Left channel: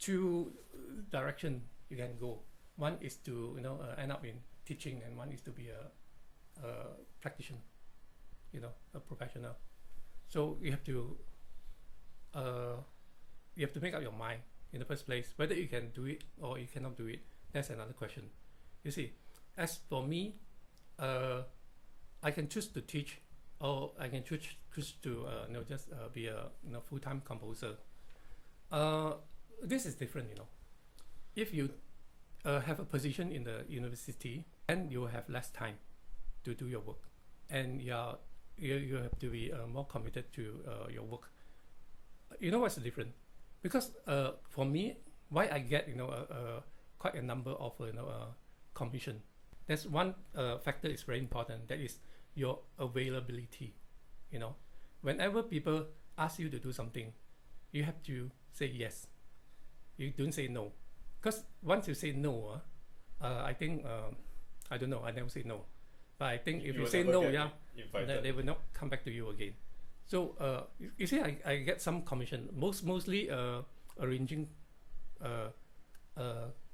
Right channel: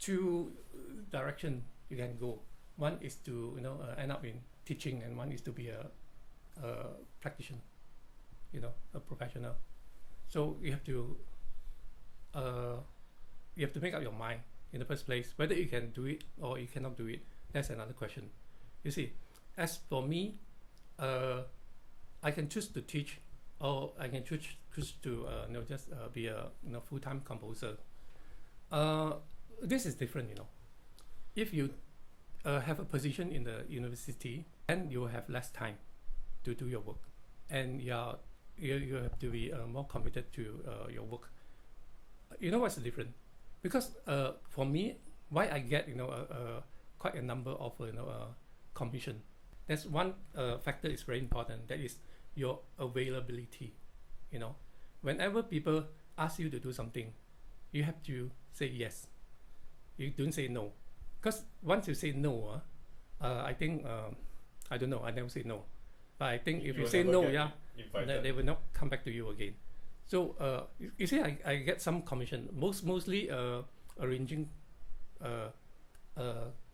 two direction you can go. One is to end up in teaching, and one is to be a practitioner, a professional. So you have to make up your mind in the first place whether you can do it or you cannot do it. That's another question. You see, as for me, I can choose to teach, or I can choose to just be a full-time composer. This is different. If you have a position in the university, then you will have less time to do your work, and you have to be more committed to your work. You know what's the difference? Because for me, why I get quite a number of commission. That's one factor is very important. That is your availability. Whenever people ask you to do something, you have to say yes. You don't say no, because once you say no, I think I don't know. I never say no, but I think if you say no, they will not come back to you again. So you see, I get some commission, mostly arranging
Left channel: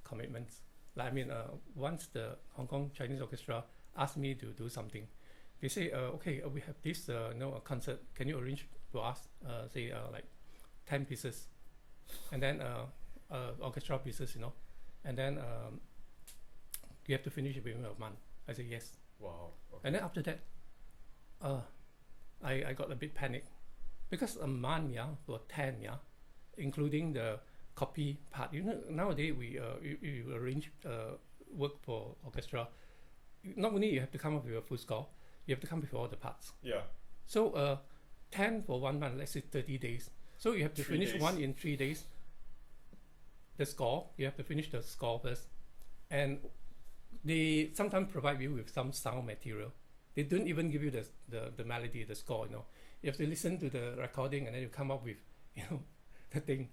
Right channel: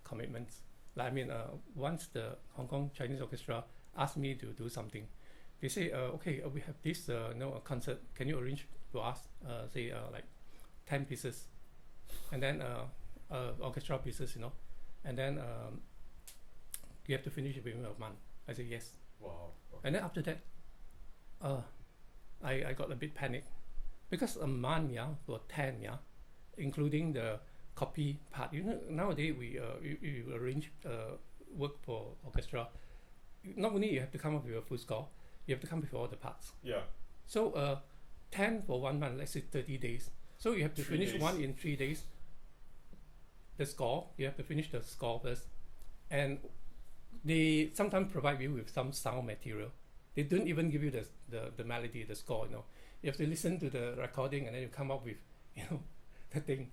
commitments. Like, once the Hong Kong Chinese Orchestra asked me to do something, they say, okay, we have this concert. Can you arrange for us, say like 10 pieces, and then orchestra pieces, and then you have to finish it within a month. I say yes. Wow. Okay. And then after that, I got a bit panic, because a month for 10 including the copy part. Nowadays you arrange work for orchestra. Not only you have to come up with a full score, you have to come up with all the parts. Yeah. So 10 for 1 month, let's say 30 days. So you have to finish one in 3 days. The score, you have to finish the score first, and they sometimes provide you with some sound material. They don't even give you the melody, the score. You have to listen to the recording, and then you come up with the thing,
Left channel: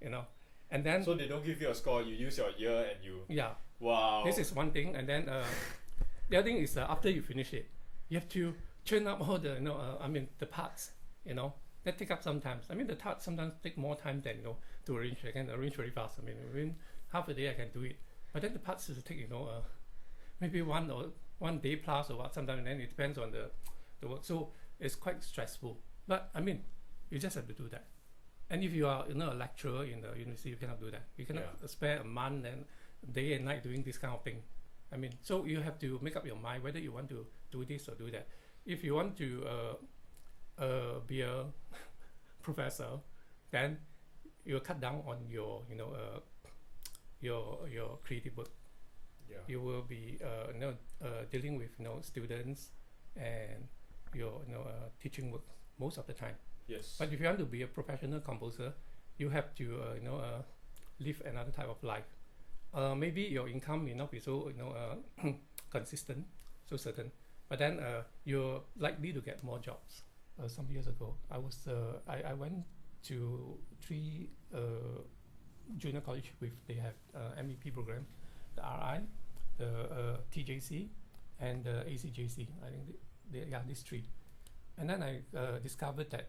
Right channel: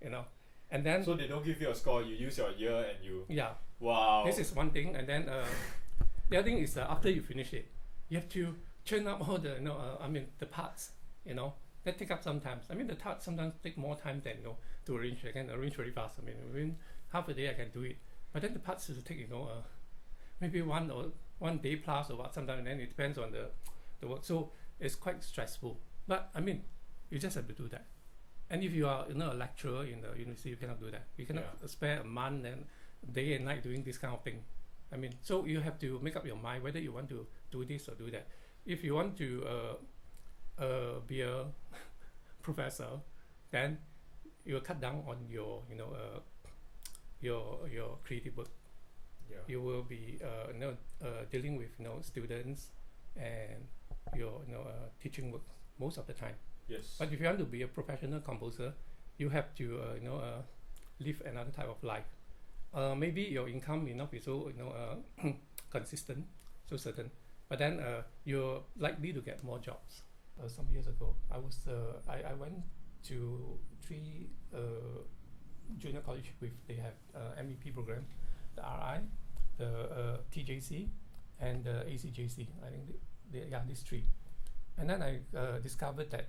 and then. So they don't give you a score. You use your ear and you. Yeah. Wow. This is one thing, and then the other thing is after you finish it, you have to turn up all the the parts. That take up some time. The parts sometimes take more time than to arrange. I can arrange very fast. Within half a day I can do it. But then the parts will take maybe 1 day plus or what sometimes, and then it depends on the work. So it's quite stressful. But you just have to do that. And if you are a lecturer in the university, you cannot do that. You cannot spare a month and day and night doing this kind of thing. So you have to make up your mind whether you want to do this or do that. If you want to be a professor, then you will cut down on your your creative work. Yeah. You will be dealing with students and your teaching work most of the time. Yes. But if you want to be a professional composer, you have to live another type of life. Maybe your income may not be so consistent, so certain, but then you're likely to get more jobs. Some years ago, I went to 3 junior college they have MEP program, the RI, the TJC, and the ACJC. I think these 3. And then I discovered that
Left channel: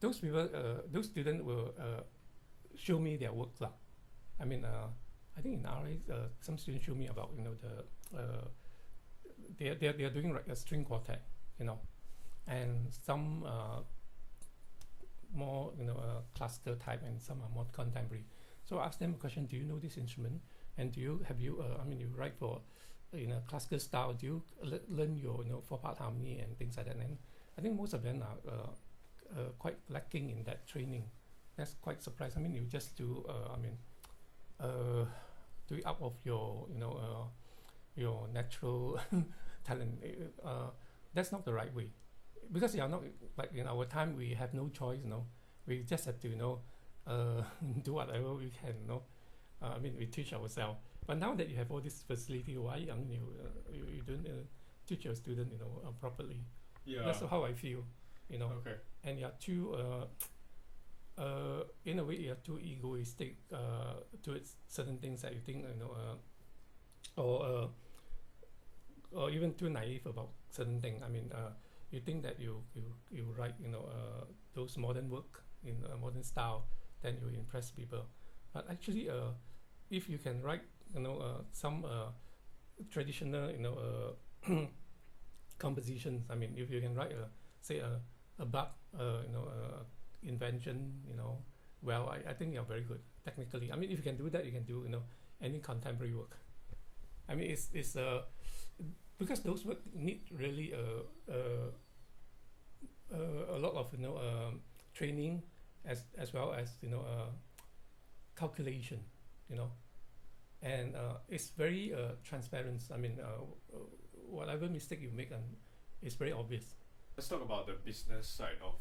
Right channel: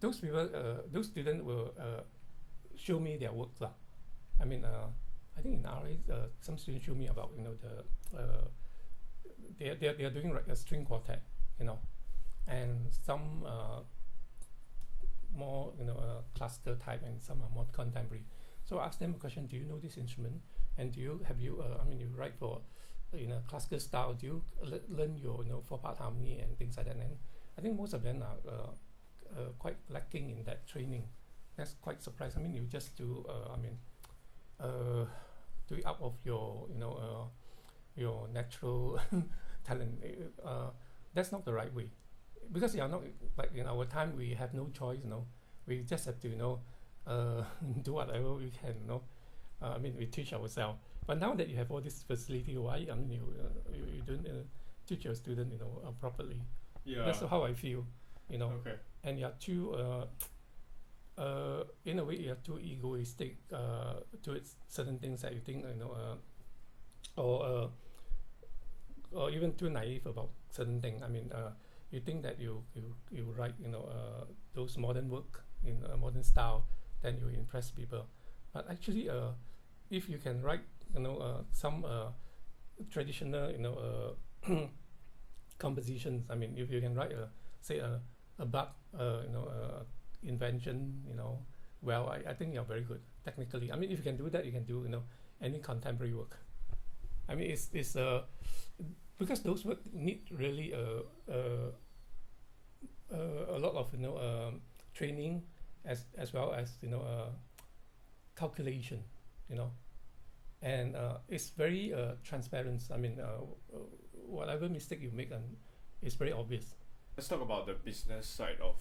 those people, those students will show me their work lah. I think in RI, some students show me about they are doing like a string quartet, and some more classical type, and some are more contemporary. So I asked them a question: do you know this instrument? And you write for classical style? Do you learn your 4-part harmony and things like that? And I think most of them are quite lacking in that training. That's quite surprising. You just do do it out of your natural talent. That's not the right way, because you are not like in our time. We have no choice. We just have to do whatever we can. We teach ourselves. But now that you have all this facility, why you don't teach your student properly? Yeah. That's how I feel. Okay. And you're too in a way you're too egoistic towards certain things that you think or even too naive about certain things. You think that you write those modern work in a modern style, then you impress people. But actually, if you can write, some traditional, compositions. I mean, if you can write say a Bach, invention, well, I think you're very good technically. I mean, if you can do that, you can do, any contemporary work. I mean, it's because those work need really a lot of training as well as calculation, and it's very transparent. I mean, whatever mistake you make, it's very obvious. Let's talk about the business side of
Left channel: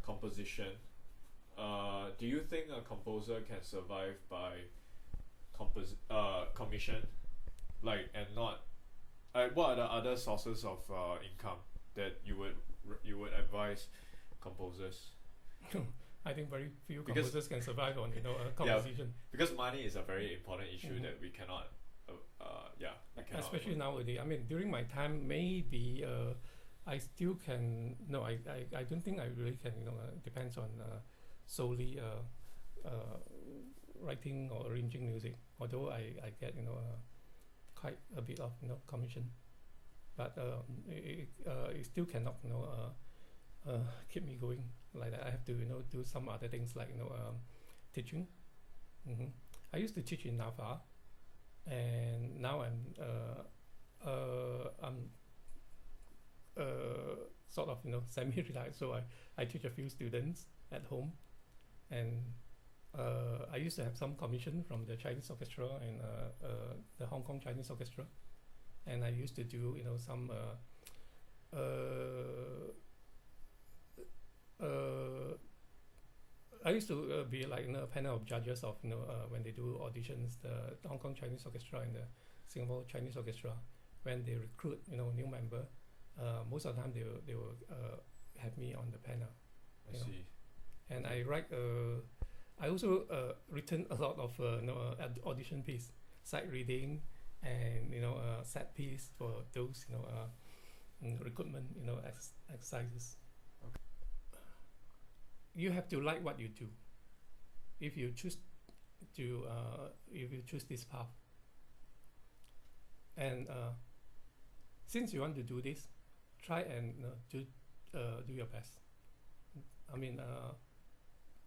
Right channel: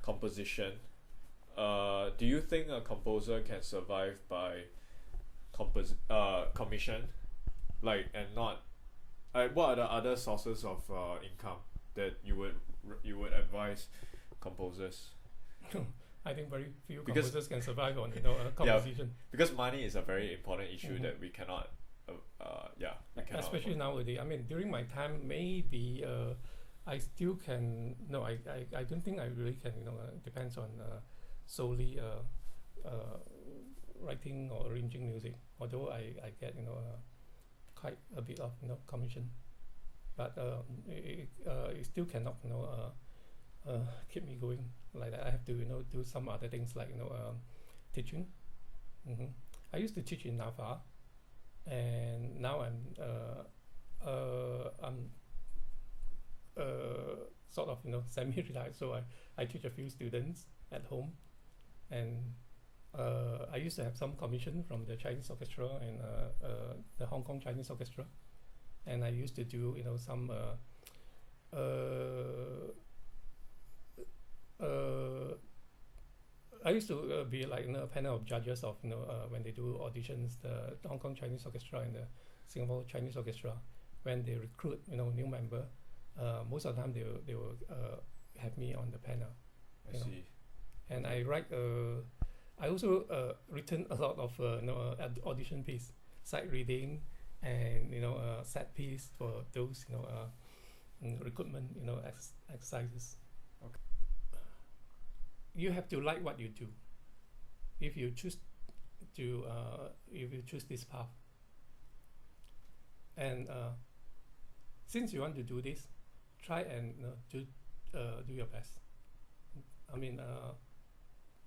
composition. Do you think a composer can survive by commission, and not? What are the other sources of income that you would advise composers? I think very few composers can survive on composition. Yeah, because money is a very important issue that we cannot. Especially nowadays. I mean, during my time, maybe I still can. No, I don't think I really can. Depends on solely writing or arranging music. Although I get quite a bit of commission, but it still cannot keep me going like that. I have to do some other things like teaching. I used to teach in NAFA, and now I'm sort of semi-retired, so I teach a few students at home, and I used to have some commission from the Chinese Orchestra and the Hong Kong Chinese Orchestra, and I used to do some I used to be like a panel of judges of when they do auditions, the Hong Kong Chinese Orchestra and the Singapore Chinese Orchestra. When they recruit new member, most of the time they will have me on the panel. I see. And I write. I also written a lot of audition piece, sight reading, and set piece for those recruitment exercises. Okay. You have to like what you do. If you choose this path, and since you want to do this, try and do your best. I mean,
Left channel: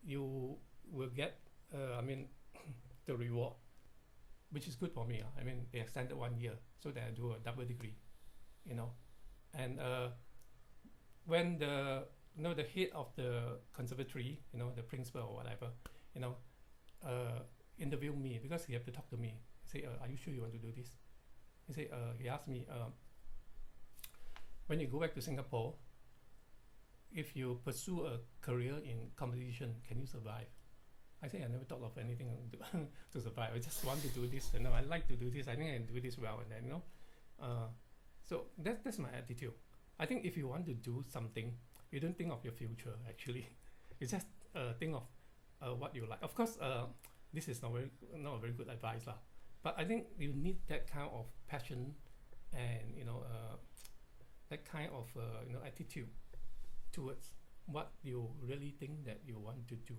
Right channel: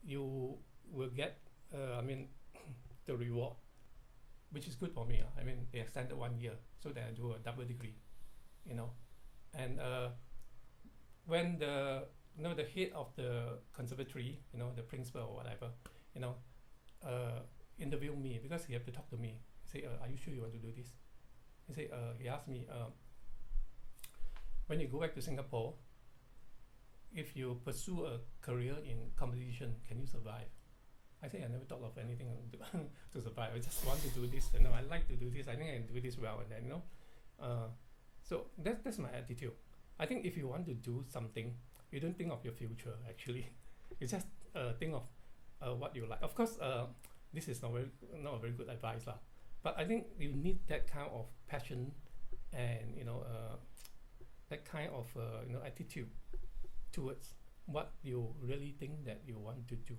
you will get the reward, which is good for me. I mean, they extended 1 year so that I do a double degree, and when the head of the conservatory, the principal or whatever, interview me, because he have to talk to me. He say, are you sure you want to do this? He say, he asked me, when you go back to Singapore, if you pursue a career in composition, can you survive? I say I never thought of anything to survive. I just want to do this. I like to do this. I think I can do this well, and then so that's my attitude. I think if you want to do something, you don't think of your future. Actually, you just think of what you like. Of course, this is not a very good advice, lah. But I think you need that kind of passion, and that kind of attitude towards what you really think that you want to do.